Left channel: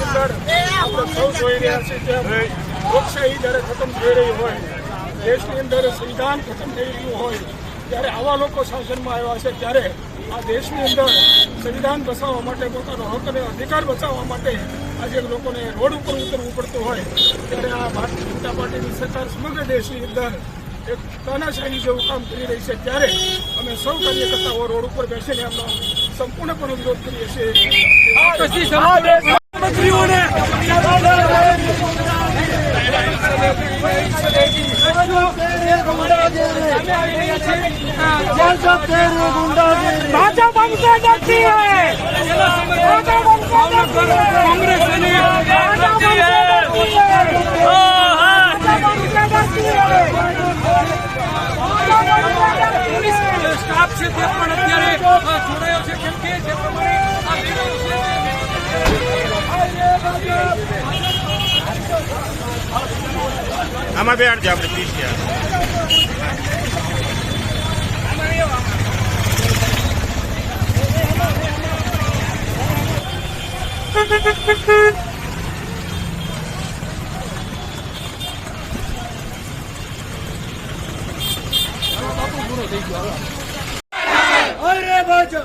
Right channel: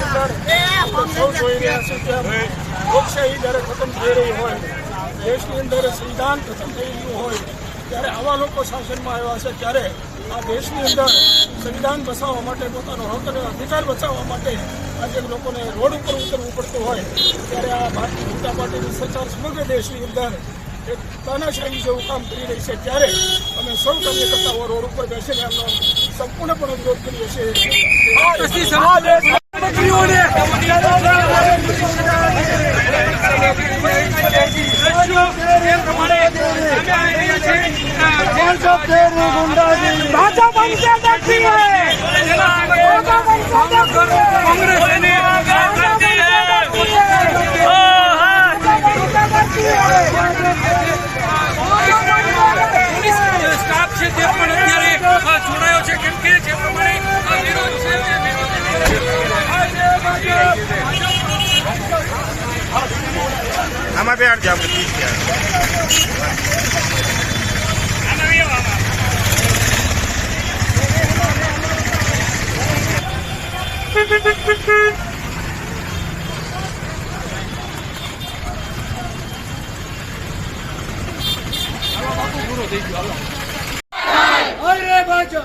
અંદર સૌ જોઈ રહ્યા છે કે લોકશાહી જ્યારે ખતમ થઈ રહી હોય દેશની અંદર સંવિધાન ખતમ થઈ રહ્યું હોય ત્યારે આવા લોકો શાસનમાં આવ્યા છે ત્યારે આ દેશની અંદર સંવિધાન બચાવવા માટે પોતાનો હક અને અધિકાર બચાવવા માટે આજે લોકોને રોડ ઉપર ઉતરવું પડતું હોય ત્યારે આ ભારતીય જનતા પાર્ટીની સરકાર સમગ્ર દેશની અંદર એક તાનાશાહી જેવું કામ કરી રહી છે ત્યારે અમે સૌ કાર્યકર્તાઓ રોડ ઉપર બેસીને એમનો સંપૂર્ણપણે વિરોધ કરીએ છીએ. રાજા સ્ટાફ છે તે પણ અત્યારે આ જોડાયો છે કેમ કે જે પ્રમાણે આ વિરોધ છે તે વિરોધ આમાં બે આડ આપણે પ્લીઝ ત્યાં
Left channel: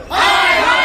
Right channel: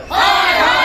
ভাই ভাই